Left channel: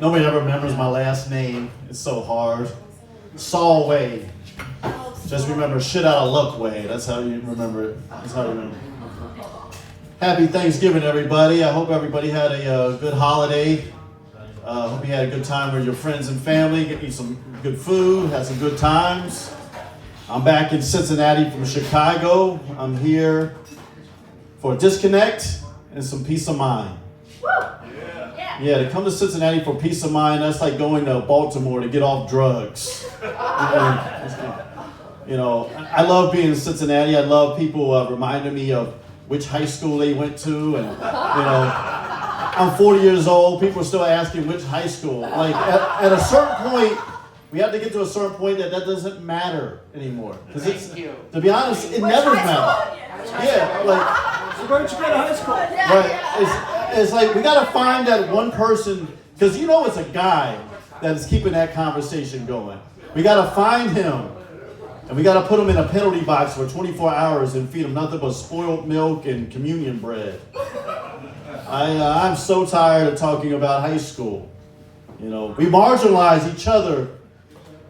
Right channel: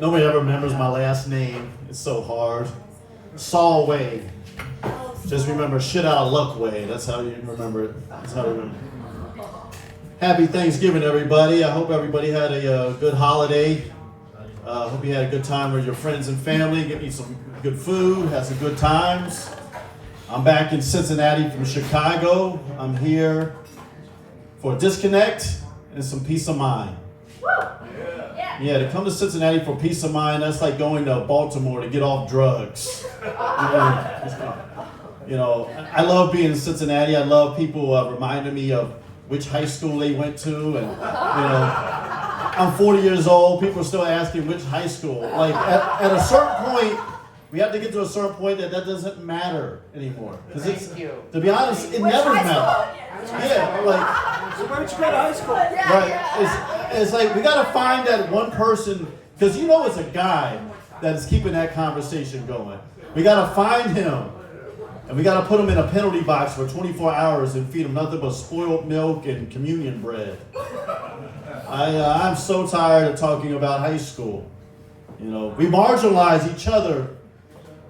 Nobody ever remembers my last name. It's so hard. Solway. Just remember shit out of luck way. That's how you remember it. That's how you remember it. Happy Thanksgiving, everybody. I hope everybody had a good holiday. Hope you had a good time with your friends and family. Get you some good food. Had some good times. I'm back in Cincinnati from Chicago. I'm here for a disconnect and some peace of mind. Yeah, to come to Cincinnati for peace of mind, that's like going to Baltimore to get off drugs. You know, I love being in Cincinnati. I love people reminding me of which high school they went to. And, you know, I'm 40 years old. People are still asking which high school. Like, at a certain point, we have to get to a certain point that doesn't matter anymore. Because it's, to be honest, it never mattered. Yeah, like... Where did you go to high school? Right. It's like we got to find that one person, because you know it's a guy that is keeping that conversation going. We got to find him, and we got to put him in a penalty box for 24 hours and feed him nothing but spoiled milk and communion bread. I'm so tired of talking about high school. You know, we marginalize each other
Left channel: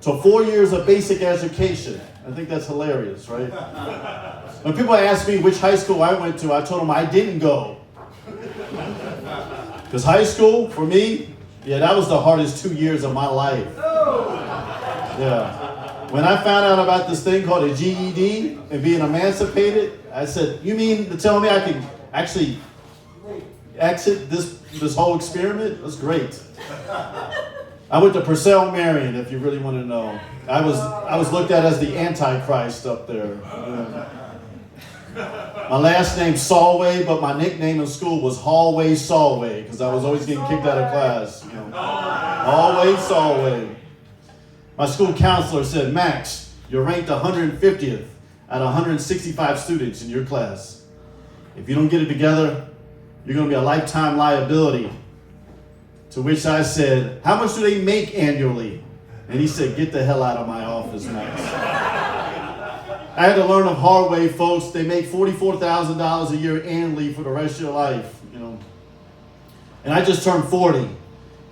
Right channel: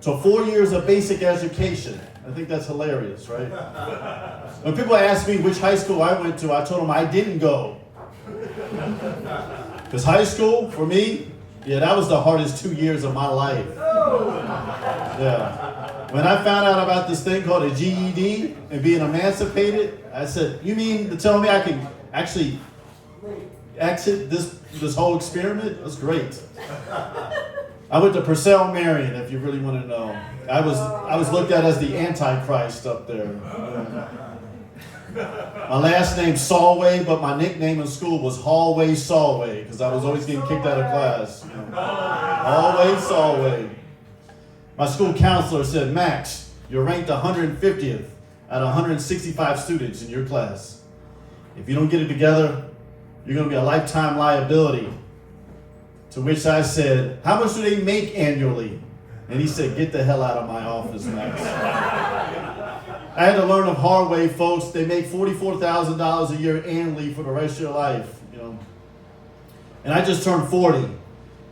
to 4 years of basic education. I think that's hilarious, right? When people ask me which high school I went to, I told them I didn't go. Because high school, for me, yeah, that was the hardest 2 years of my life. Yeah. When I found out about this thing called a GED and being emancipated, I said, you mean to tell me I can actually exit this whole experiment? That's great. I went to Purcell Marion, if you really want to know. I was looked at as the Antichrist up there. My last name's Solway, but my nickname in school was Hallway Solway, because I was always getting kicked out of class. You know. Hallway Solway. My school counselor said, Max, you're ranked 150th out of 165 students in your class. If you don't get it together, you're going to be a lifetime liability. To which I said, how much do they make annually? And he said, get the hell out of my office, Max. I had to learn the hard way, folks. They make $44,000 a year annually for the rest of your life, you know. And I just turned 40.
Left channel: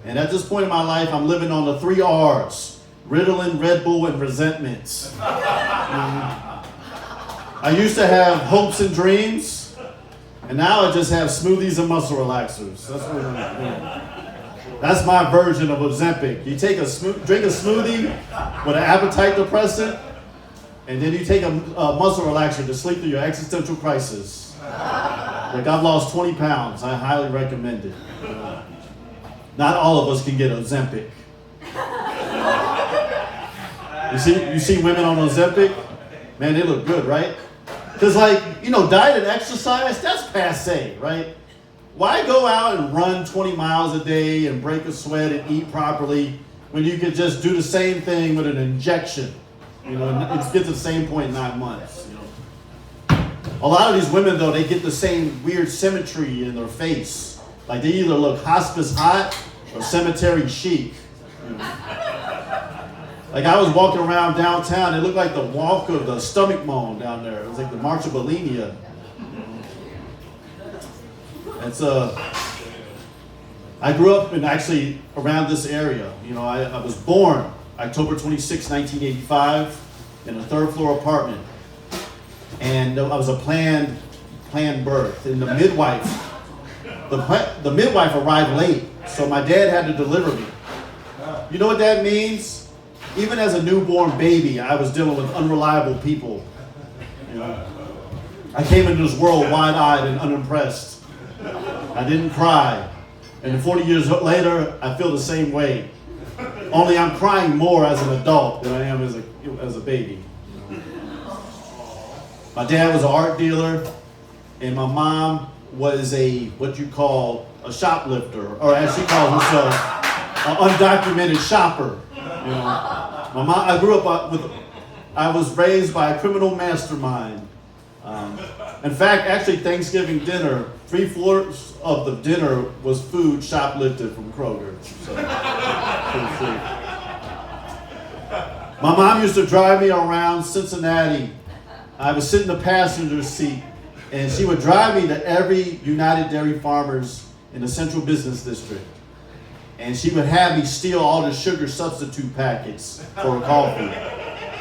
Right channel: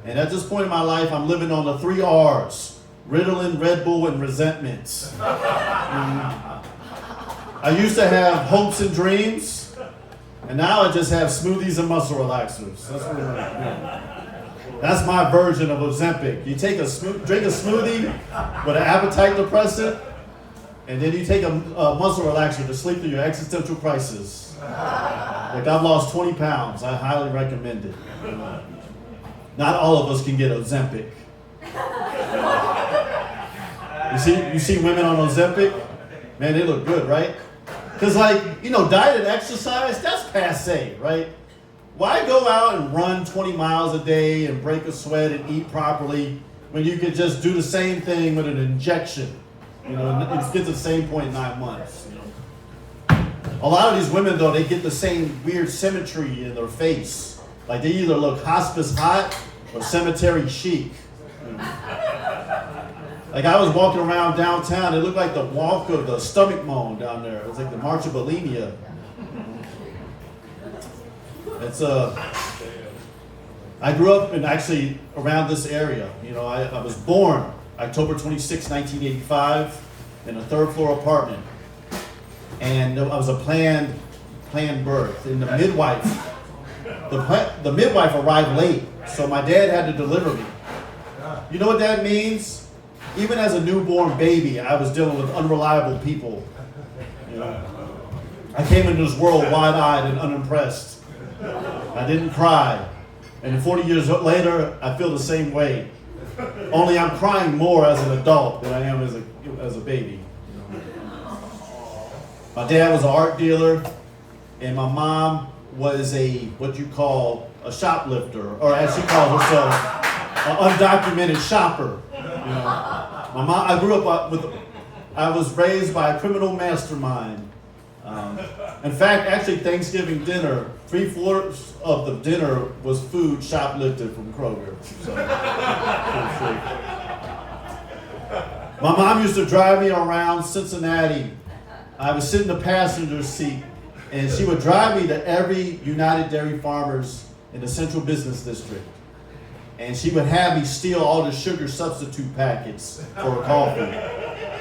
And at this point in my life, I'm living on the 3 R's. Ritalin, Red Bull, and resentments. I used to have hopes and dreams. And now I just have smoothies and muscle relaxers. That's what I'm doing. That's my version of Ozempic. You take drink a smoothie with an appetite depressant, and then you take a muscle relaxer to sleep through your existential crisis. Like, I've lost 20 pounds. I highly recommend it. Not all of us can get Ozempic. You see women on Ozempic? Man, they look good, right? Because, like, you know, diet and exercise, that's passe, right? Why go out and run 20 miles a day and break a sweat and eat properly when you could just do the same thing with an injection? You know, and it gets the same point in 9 months. You know, a lot of these women though, they get the same weird symmetry in their face. Like they either look hospice hot or cemetery chic. You know? Like I was walking around downtown, it looked like the walk of the stomach moan down there. It was like the March of Bulimia. It's I grew up in actually around this area. You know, I was born October 26, 1985, in a third floor apartment. And I was a planned birth. And the midwife arrived late, so my dad had to deliver me. You know what that means? Even as a newborn baby, I was dealing with unreliable people. You know, I came into this world wide-eyed and unimpressed. I didn't cry. And 40 years later, I feel the same way. Only I'm crying more as an adult than I am as a baby. My dad was an art dealer, and my mom was what you call a shoplifter, or as she calls herself, an undocumented shopper. You know, I was raised by a criminal mastermind. In fact, actually, Thanksgiving dinner, 3/4 of the dinner was food shoplifted from Kroger. So, my mom used to drive me around Cincinnati. I would sit in the passenger seat, and she would drive me to every United Dairy Farmers in the Central Business District. And she would have me steal all the sugar substitute packets for her coffee.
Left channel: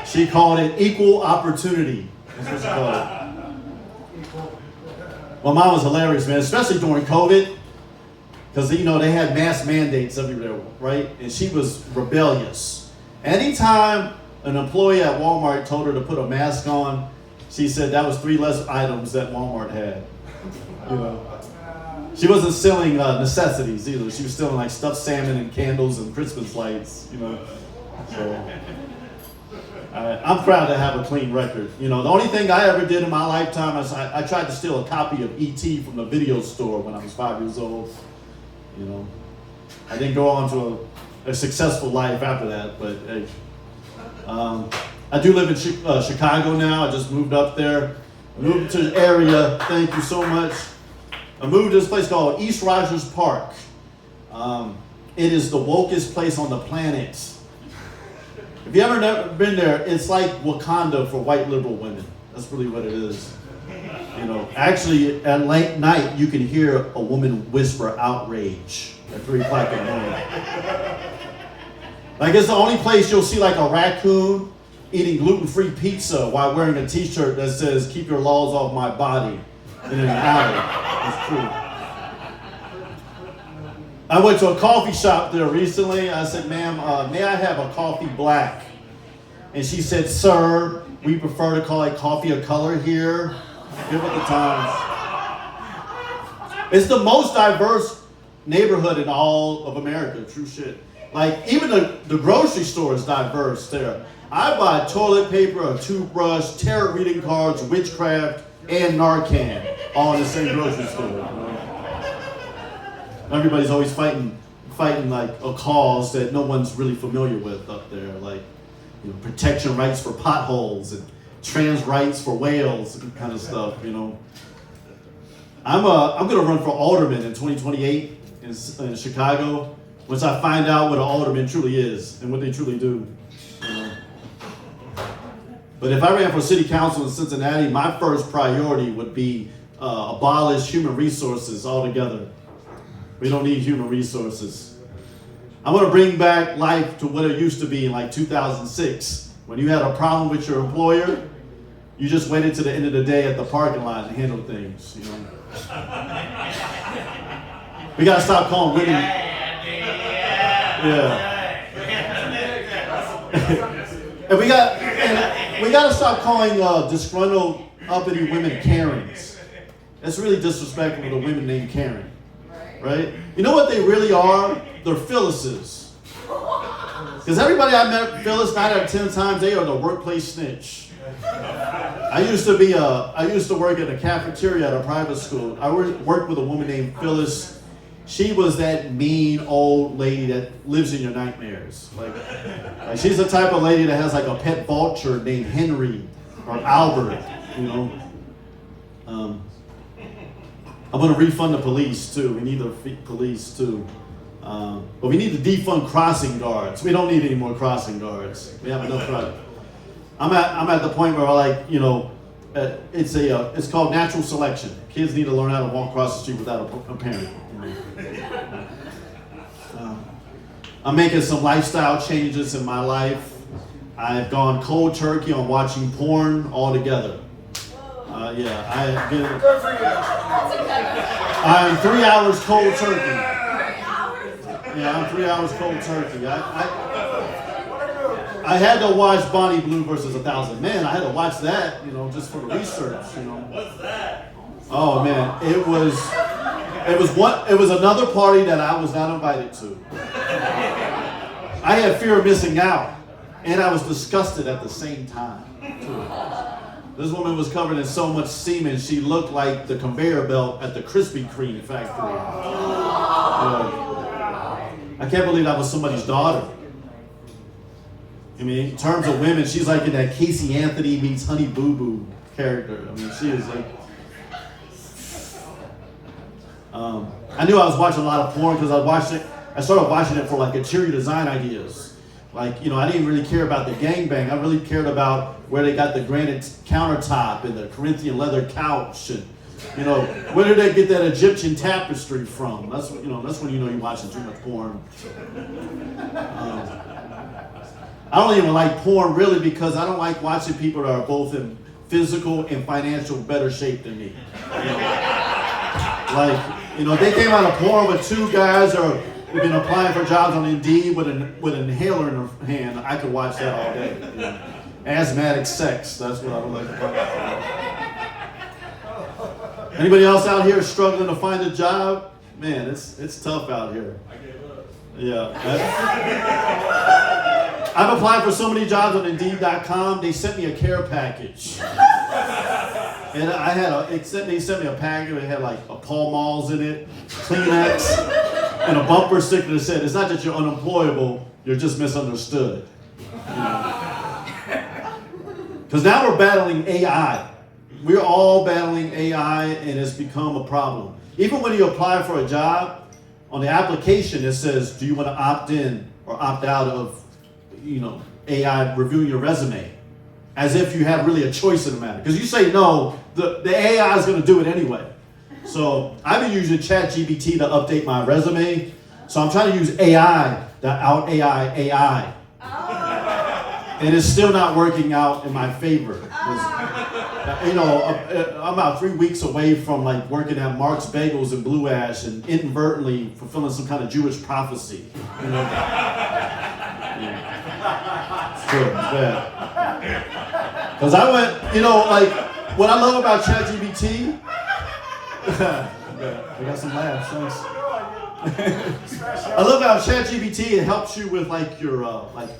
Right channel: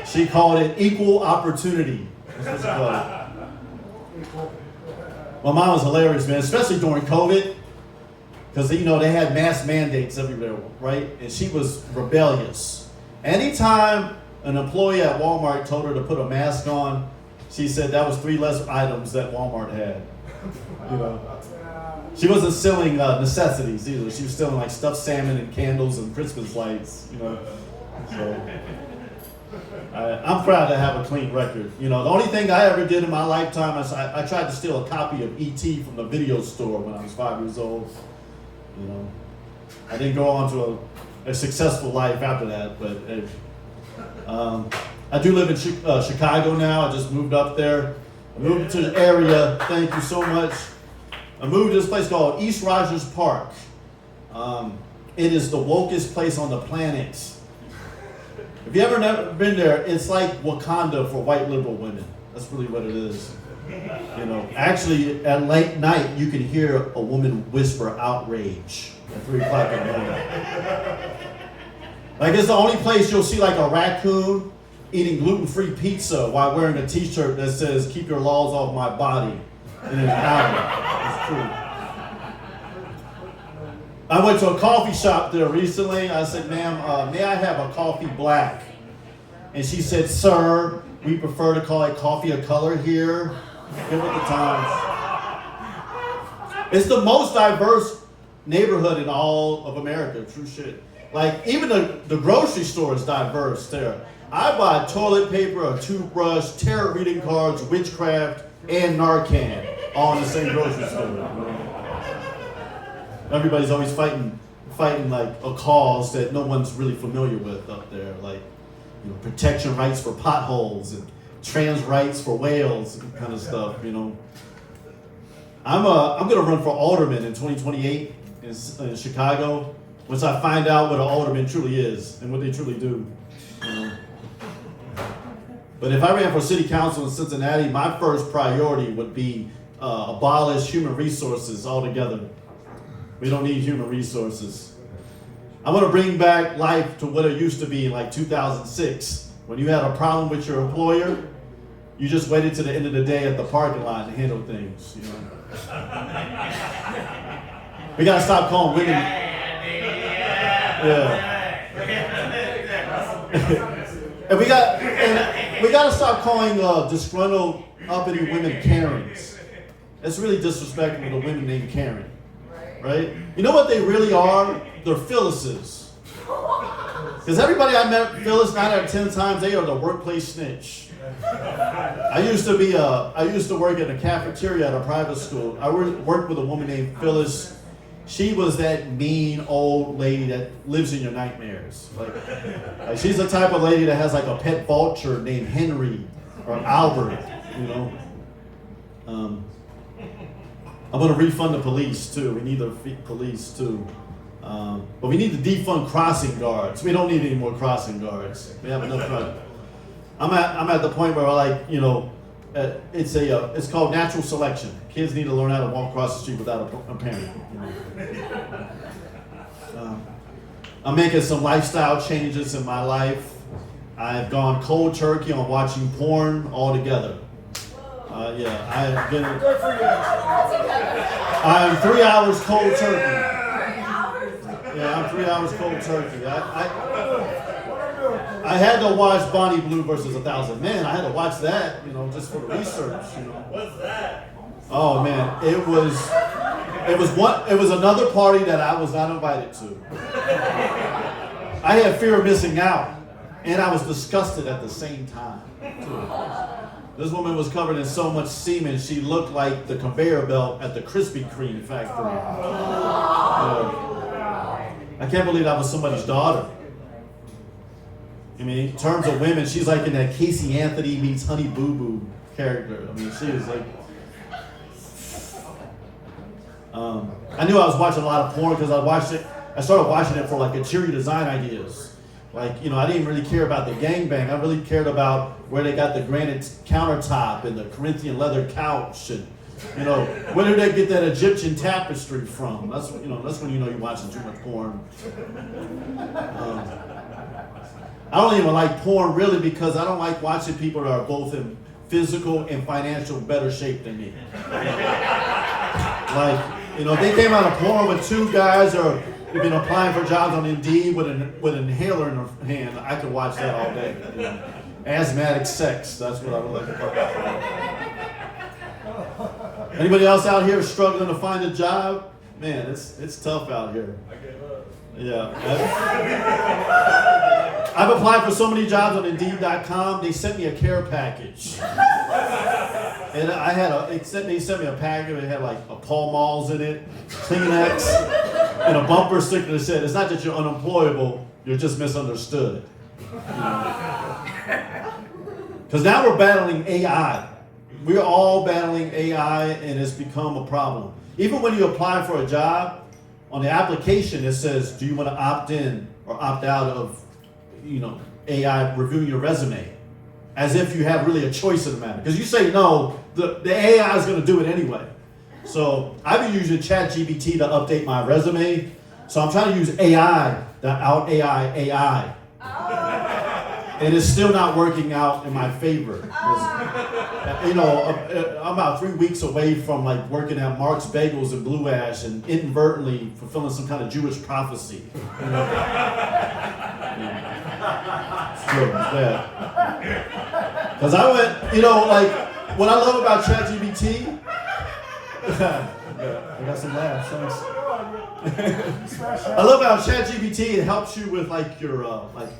She called it equal opportunity. That's what she called it. My mom was hilarious, man, especially during COVID. Because, they had mask mandates everywhere, right? And she was rebellious. Anytime an employee at Walmart told her to put a mask on, she said that was 3 less items that Walmart had. She wasn't selling necessities either. She was selling like stuffed salmon and candles and Christmas lights, So I'm proud to have a clean record. The only thing I ever did in my lifetime is I tried to steal a copy of E.T. from the video store when I was 5 years old. I didn't go on to a successful life after that, but hey, I do live in Chicago now. I just moved up there. I moved to the area. Thank you so much. I moved to this place called East Rogers Park. It is the wokest place on the planet. If you ever never been there, it's like Wakanda for white liberal women. That's really what it is. Actually, at late night, you can hear a woman whisper outrage at 3 o'clock in the morning. Like, it's the only place you'll see like a raccoon eating gluten-free pizza while wearing a t-shirt that says, "Keep your laws off my body," in an alley. It's true. I went to a coffee shop there recently. I said, "Ma'am, may I have a coffee black?" And she said, "Sir, we prefer to call it coffee of color here." Get with the times. It's the most diverse neighborhood in all of America. True shit. Like, even the grocery store is diverse there. I buy toilet paper, a toothbrush, tarot reading cards, witchcraft, and Narcan all in the same grocery store. Everybody's always fighting like a cause that no one's really familiar with up there, like protection rights for potholes and trans rights for whales and kind of stuff. I'm gonna run for alderman in 2028 in Chicago once I find out what an alderman truly is and what they truly do. But if I ran for city council in Cincinnati, my first priority would be abolish human resources altogether. We don't need human resources. I want to bring back life to what it used to be in like 2006. When you had a problem with your employer, you just waited to the end of the day at the parking lot to handle things. We gotta stop calling women. Yeah. and we gotta stop calling disgruntled, uppity women Karens. It's really disrespectful to women named Karen, right? You know what they really are? They're Phyllis's. Because everybody I met, Phyllis, 9 out of 10 times, they are the workplace snitch. I used to work at a cafeteria at a private school. I worked with a woman named Phyllis. She was that mean old lady that lives in your nightmares. Like she's the type of lady that has like a pet vulture named Henry or Albert. I'm going to refund the police too. We need the police too. But we need to defund crossing guards. We don't need any more crossing guards. We have enough right. I'm at the point where it's called natural selection. Kids need to learn how to walk across the street without a parent. I'm making some lifestyle changes in my life. I've gone cold turkey on watching porn altogether. I'm 3 hours cold turkey. Yeah, I'm 3 hours cold turkey. I had to watch Bonnie Blue versus 1,000 Men. I had to watch that, just for research. What's that? Oh man, it was another party that I was not invited to. I had fear of missing out, and I was disgusted at the same time too. This woman was covered in so much semen, she looked like the conveyor belt at the Krispy Kreme factory. I can't believe that was somebody's daughter. I mean, in terms of women, she's like in that Casey Anthony meets Honey Boo Boo character. I mean, she is like... I knew I was watching a lot of porn because I started watching it for like interior design ideas. Like, I didn't really care about the gangbang. I really cared about where they got the granite countertop and the Corinthian leather couch and You know, where did they get that Egyptian tapestry from? That's when you know you're watching too much porn. I don't even like porn really because I don't like watching people that are both in physical and financial better shape than me. Like, they came out of porn with two guys or have been applying for jobs on Indeed with an inhaler in their hand. I could watch that all day. Asthmatic sex, that's what I would like to talk about. Anybody else out here struggling to find a job? Man, it's tough out here. I gave up. Yeah. I've applied for so many jobs on Indeed.com. They sent me a care package. And they sent me a package that had like a Pall Malls in it, Kleenex, and a bumper sticker that said, it's not that you're unemployable, you're just misunderstood. Because now we're battling AI. We're all battling AI and it's become a problem. Even when you apply for a job, on the application it says, do you want to opt in or opt out of AI reviewing your resume? As if you have really a choice in the matter. Because you say no, the AI is going to do it anyway. So I've been using ChatGPT to update my resume. So I'm trying to use AI to out AI. And it's still not working out in my favor. I'm about 3 weeks away from like working at Mark's Bagels in Blue Ash and inadvertently fulfilling some kind of Jewish prophecy. It's true, it's bad. Because I went, what I love about ChatGPT, I got some laughs, thanks. I love how ChatGPT, it helps you with like your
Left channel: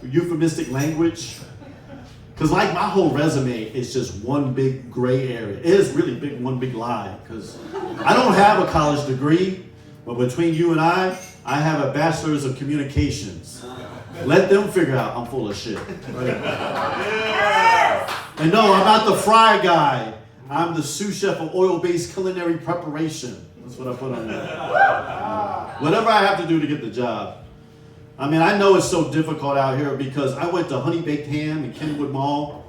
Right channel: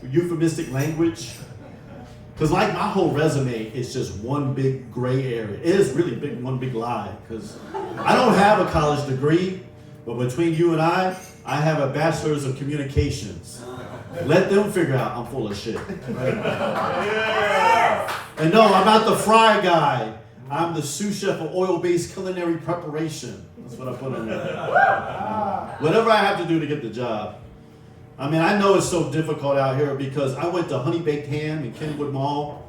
euphemistic language. Because like my whole resume is just one big gray area. It is really one big lie. Because I don't have a college degree, but between you and I have a bachelor's of communications. Let them figure out I'm full of shit. Right? And no, I'm not the fry guy. I'm the sous chef of oil-based culinary preparation. That's what I put on there. Whatever I have to do to get the job. I mean, I know it's so difficult out here because I went to Honey Baked Ham in Kenwood Mall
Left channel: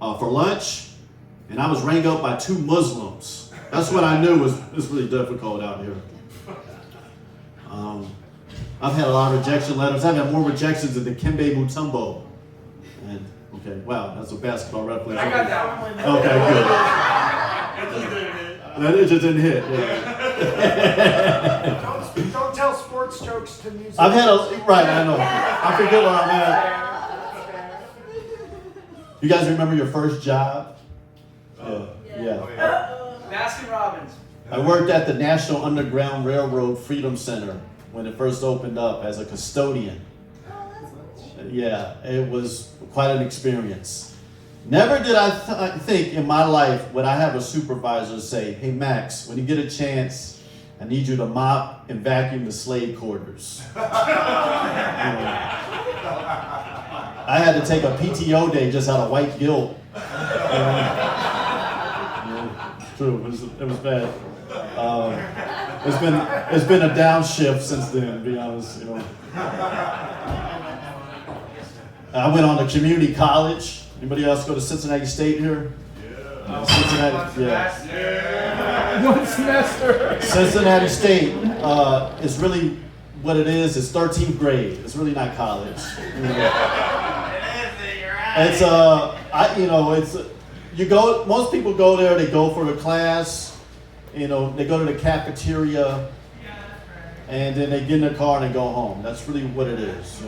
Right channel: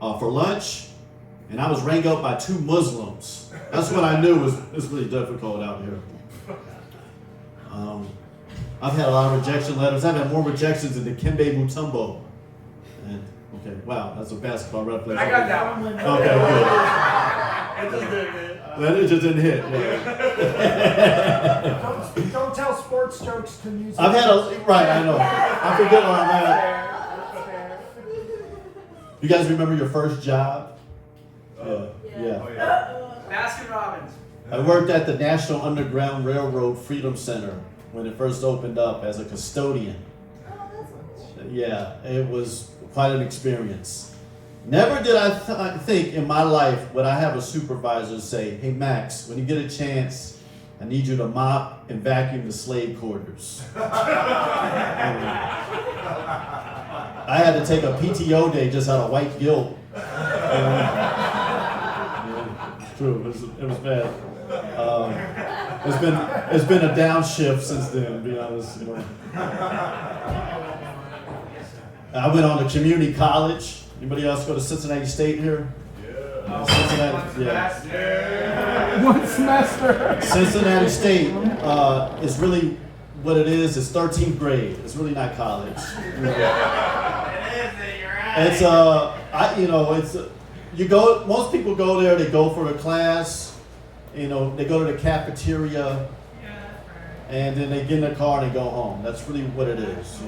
for lunch, and I was rang up by 2 Muslims. That's what I knew was really difficult out here. I've had a lot of rejection letters. I've had more rejections than the Kembe Mutombo. And, okay, wow, that's a basketball reference. I got that one. Okay, good. It just didn't hit. Yeah. Don't tell sports jokes to music. I've had I know. I forget on that. You guys remember your first job? Yeah. Baskin Robbins. I worked at the National Underground Railroad Freedom Center when it first opened up as a custodian. Yeah, it was quite an experience. Never did I think in my life would I have a supervisor say, hey Max, when you get a chance, I need you to mop and vacuum the slave quarters. I had to take a PTO day just out of white guilt. It's true, it was bad. It's been a downshift since then, to be honest. I went on to community college. Anybody else go to Cincinnati State here? Yeah. Cincinnati, yeah. One semester. Cincinnati State is really what it is. It's 13th grade. It's really not college. It's most people go there. They go for a class. They go to the cafeteria, and then they get in their car and they go home. That's really what it is.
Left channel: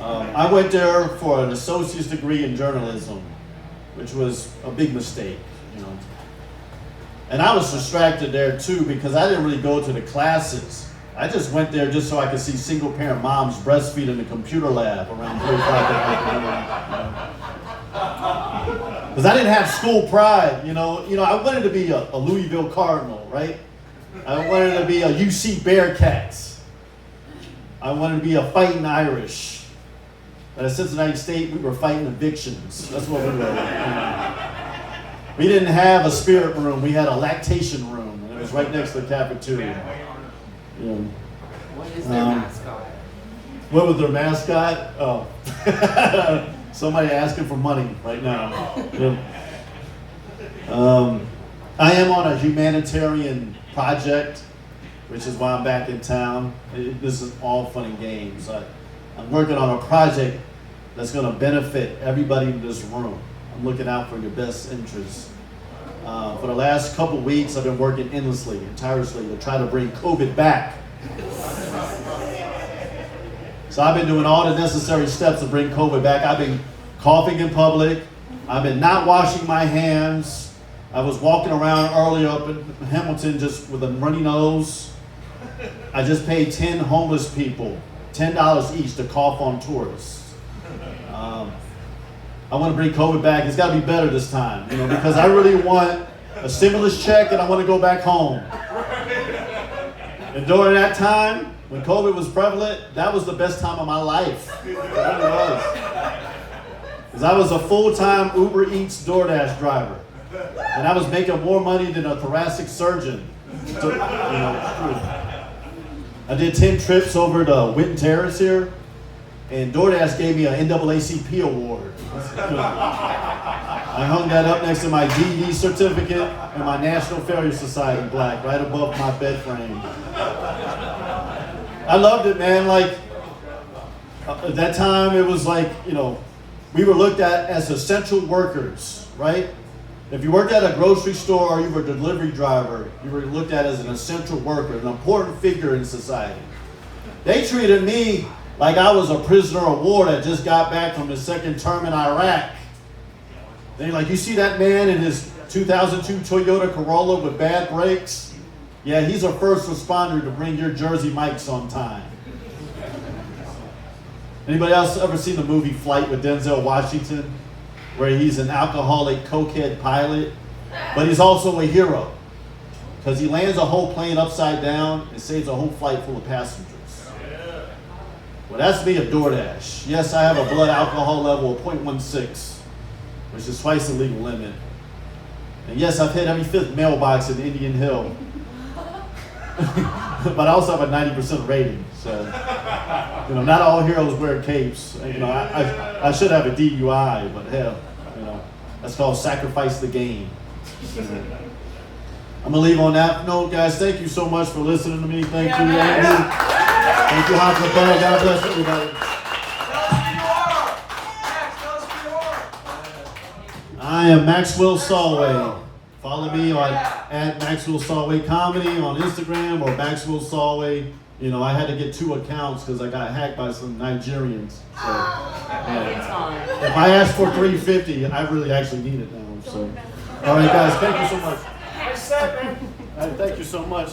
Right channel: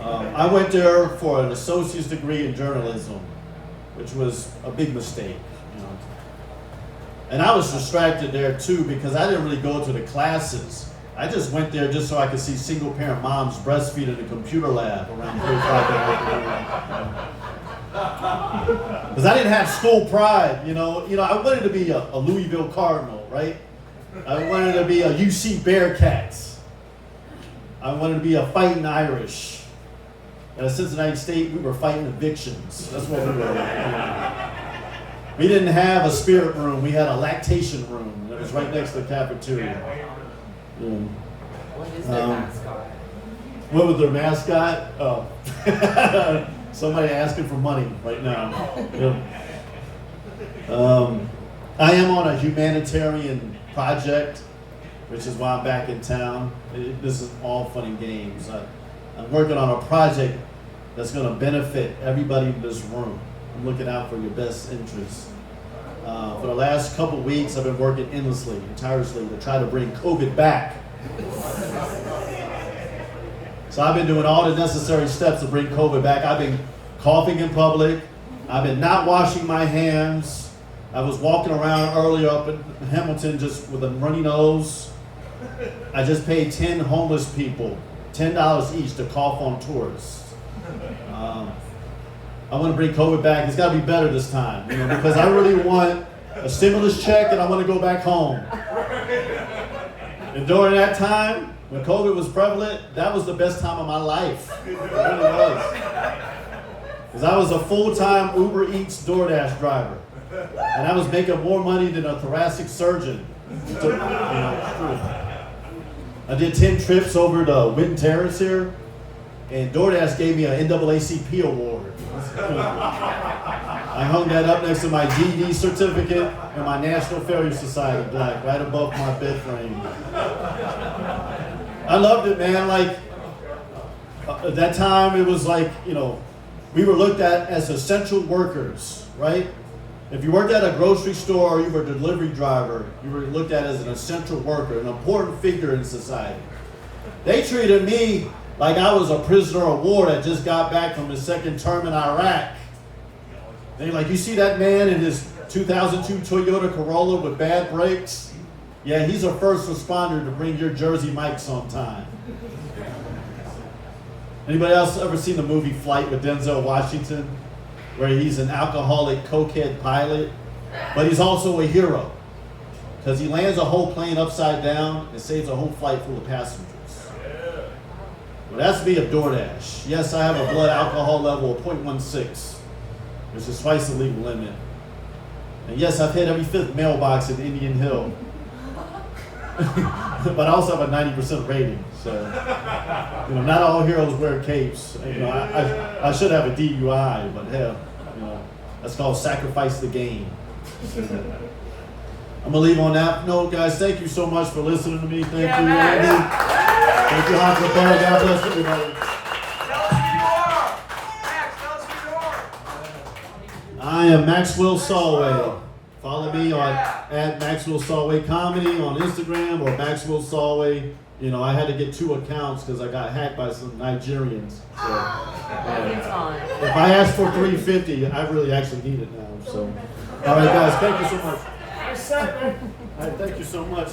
I went there for an associate's degree in journalism, which was a big mistake, And I was distracted there too because I didn't really go to the classes. I just went there just so I could see single-parent moms breastfeed in the computer lab around 3 o'clock in the afternoon. Because I didn't have school pride, I wanted to be a Louisville Cardinal, right? I wanted to be a UC Bearcats. I wanted to be a Fighting Irish. At Cincinnati State, we were fighting evictions. That's what we were. We didn't have a spirit room. We had a lactation room, and it was right next to the cafeteria. What is their mascot? What was their mascot? Oh, somebody asking for money right now. I I am on a humanitarian project, which is why I'm back in town. This is all fun and games. I'm working on a project that's going to benefit everybody in this room. I'm looking out for your best interests. For the last couple weeks, I've been working endlessly and tirelessly to try to bring COVID back. So I've been doing all the necessary steps to bring COVID back. I've been coughing in public. I've been not washing my hands. I was walking around earlier up in Hamilton just with a runny nose. I just paid 10 homeless people $10 each to cough on tourists. I want to bring COVID back. It's got to be better this time, because I really want a stimulus check and I want to go back home. And during that time, when COVID was prevalent, that was the best time of my life. It really was. Because I was a full-time Uber Eats DoorDash driver. And I was making more money than a thoracic surgeon. It's true. I did 10 trips over to Winton Terrace here, and DoorDash gave me an NAACP award. I hung that up next to my GED certificate and my National Failure Society plaque right above my bed frame. I loved it, man. At that time, it was we were looked at as essential workers, right? If you worked at a grocery store or you were a delivery driver, you were looked at as an essential worker, an important figure in society. They treated me like I was a prisoner of war that just got back from his second term in Iraq. They're like, you see that man in his 2002 Toyota Corolla with bad brakes? Yeah, he's a first responder to bring your Jersey Mikes on time. Anybody else ever seen the movie Flight with Denzel Washington, where he's an alcoholic cokehead pilot, but he's also a hero because he lands a whole plane upside down and saves a whole flight full of passengers? Well, that's me of DoorDash. Yes, I have a blood alcohol level of 0.16, which is twice the legal limit. And yes, I've hit every fifth mailbox in Indian Hill. But I also have a 90% rating, so not all heroes wear capes. I should have a DUI, but hell, that's called sacrifice the game. I'm gonna leave on that note, guys. Thank you so much for listening to me. Thank you, Andy. Thank you, Hoffner. God bless everybody. Tell us who you are. Max, tell us who you are. I am Maxwell Solway. Follow me on at Maxwell Solway Comedy on Instagram or Maxwell Solway. I had to get 2 accounts because I got hacked by some Nigerians. So, if I ask for $350, I really actually need it now. So, all right, guys, thank you so much. Nice set, man. All right, thank you so much.